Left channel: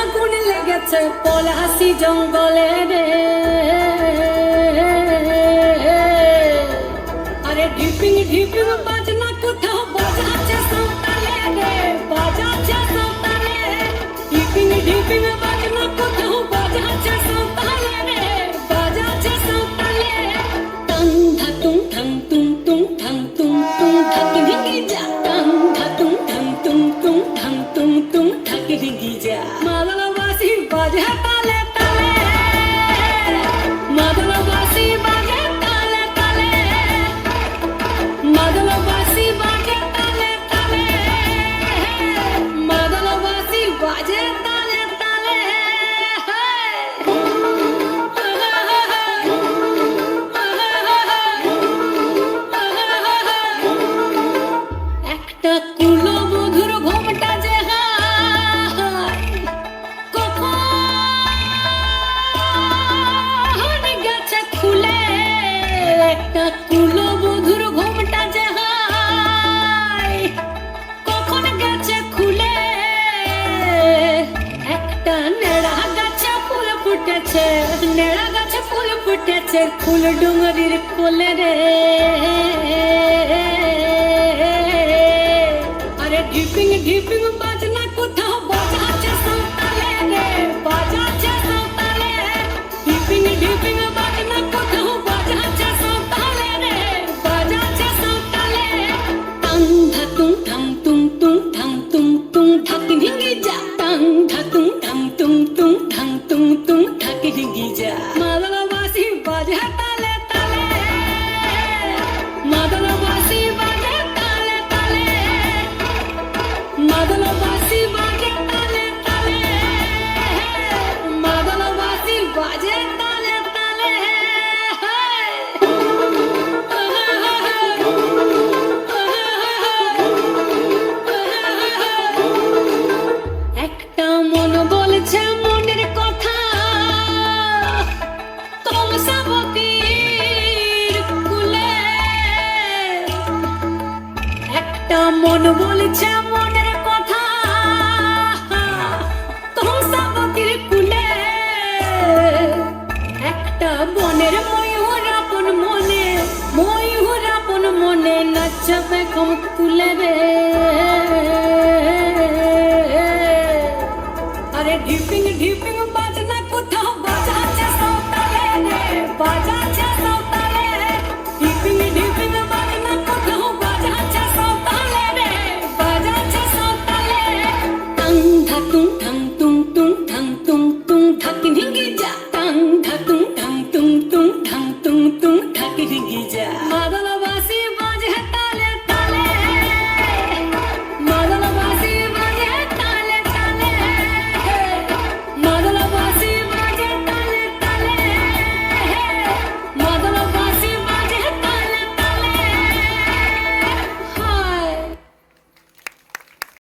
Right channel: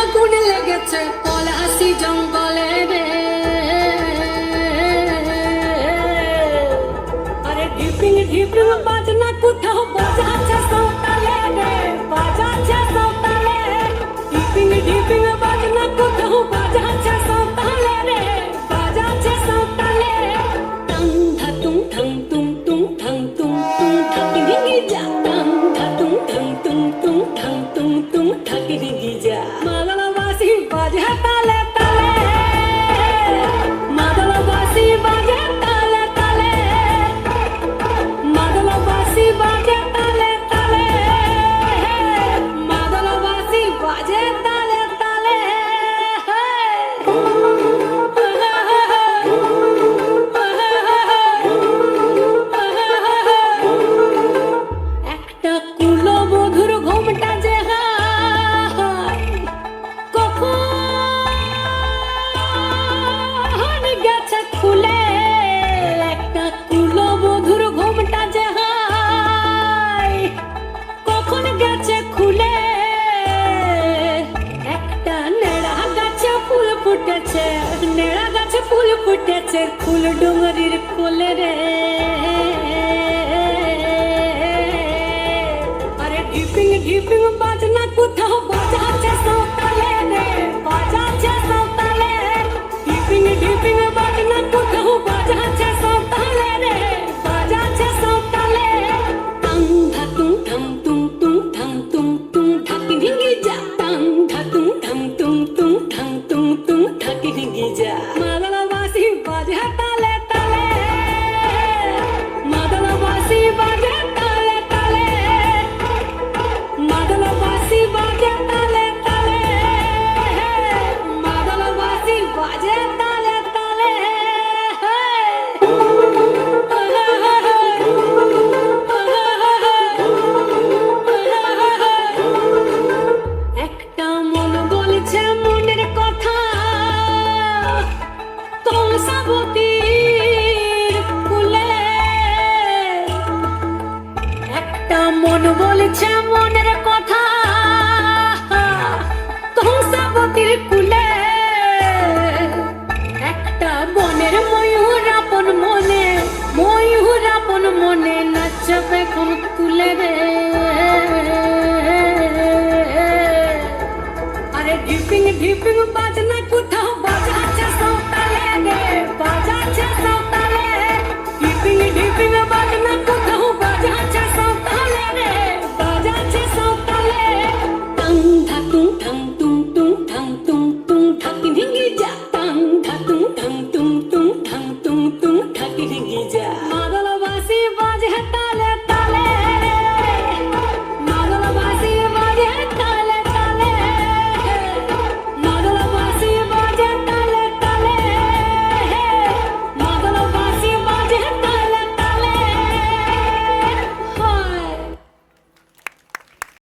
আগুন লেগেছে পলাশি জঙ্গলে রে। আরে ঢিপিং ঢিপিং বাজনা কোথাও বাজাচ্ছে সকালে রে, বাজাচ্ছে সকালে। ঢিপিং ঢিপিং বাজনা কোথাও বাজাচ্ছে সকালে রে, বাজাচ্ছে সকালে। টং ধাতুং ঠং তুং তুং ঠং তুং তুং ঠাকি ঢিঙ্গি যা, টং ধাতুং ঠং তুং তুং ঠং তুং তুং ঠাকি ঢিঙ্গি যা। মাদলবাসী বাজে তালে তালে, মাদলবাসী বাজে তালে তালে, মাদলবাসী বাজে তালে তালে, মাদলবাসী বাজে তালে তালে। একটা কুলবধূর ঘোমটা যে কখন গেছে খুলে, একটা কুলবধূর ঘোমটা যে কখন গেছে খুলে। একটা নেড়া গাছে ফুল ফুটেছে, নেড়া গাছে ফুল ফুটেছে ফুল ডুঙরির কোলে রে। আরে ঢিপিং ঢিপিং বাজনা কোথাও বাজাচ্ছে সকালে রে, বাজাচ্ছে সকালে। ঢিপিং ঢিপিং বাজনা কোথাও বাজাচ্ছে সকালে রে, বাজাচ্ছে সকালে। টং ধাতুং ঠং তুং তুং ঠং তুং তুং ঠাকি ঢিঙ্গি যা, টং ধাতুং ঠং তুং তুং ঠং তুং তুং ঠাকি ঢিঙ্গি যা। মাদলবাসী বাজে তালে তালে, মাদলবাসী বাজে তালে তালে, মাদলবাসী বাজে তালে তালে, মাদলবাসী বাজে তালে তালে। একটা মন বলছে মনের কথা, তুলসাবতীর কুলে। একটা মন বলছে মনের কথা, তুলসাবতীর কুলে। একটা বনের ময়ূর আপন মনে, ময়ূর আপন মনে নাচবে কম তুলে রে। আরে ঢিপিং ঢিপিং বাজনা কোথাও বাজাচ্ছে সকালে রে, বাজাচ্ছে সকালে। ঢিপিং ঢিপিং বাজনা কোথাও বাজাচ্ছে সকালে রে, বাজাচ্ছে সকালে। টং ধাতুং ঠং তুং তুং ঠং তুং তুং ঠাকি ঢিঙ্গি যা, টং ধাতুং ঠং তুং তুং ঠং তুং তুং ঠাকি ঢিঙ্গি যা।